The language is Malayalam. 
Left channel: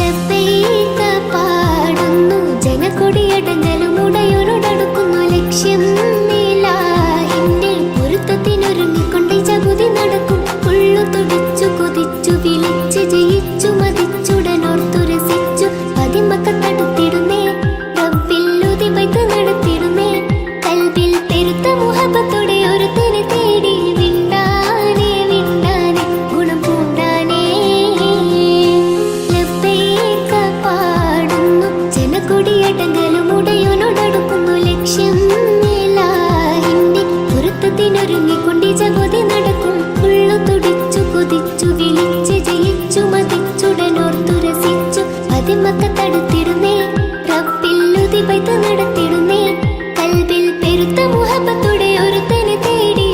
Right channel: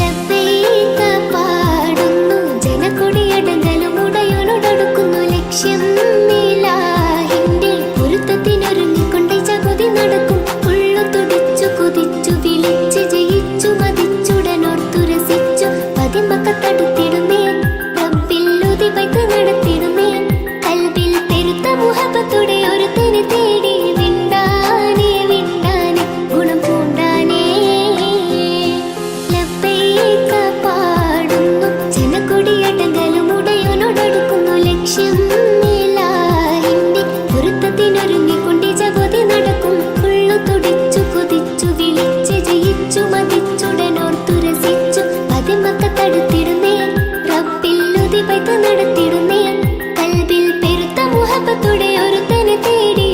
ലബ്ബൈക പാടുന്നു ജനക്കൊടിയടങ്ങലും ഉടയോനോടടുക്കുന്നു ലക്ഷ്യം ഇലാഹിന്റെ പൊരുത്തത്തിനൊരുങ്ങിക്കൊണ്ട് ജഗതി നടക്കും. ഉള്ളു തുടിച്ചു കൊതിച്ചു വിളിച്ച് ജയിച്ചു മതിച്ചുടനോർത്തു രസിച്ചു പതിമക്കത്തടുത്തിടുന്നേ റബ്ബില്ലുതി വൈത്ത് നടത്തിടുന്നേ. കൽബിൽ പെരുത്ത മുഹബത്തോടെ ഒരുത്തനെ തേടി വിണ്ടാനേ വിണ്ടാനേ ഗുണം പൂണ്ടാനേ. ലബ്ബൈക പാടുന്നു ജനക്കൊടിയടങ്ങലും ഉടയോനോടടുക്കുന്നു ലക്ഷ്യം ഇലാഹിന്റെ പൊരുത്തത്തിനൊരുങ്ങിക്കൊണ്ട് ജഗതി നടക്കും. ഉള്ളു തുടിച്ചു കൊതിച്ചു വിളിച്ച് ജയിച്ചു മതിച്ചുടനോർത്തു രസിച്ചു പതിമക്കത്തടുത്തിടുന്നേ റബ്ബില്ലുതി വൈത്ത് നടത്തിടുന്നേ. കൽബിൽ പെരുത്ത മുഹബത്തോടെ ഒരുത്തനെ തേടി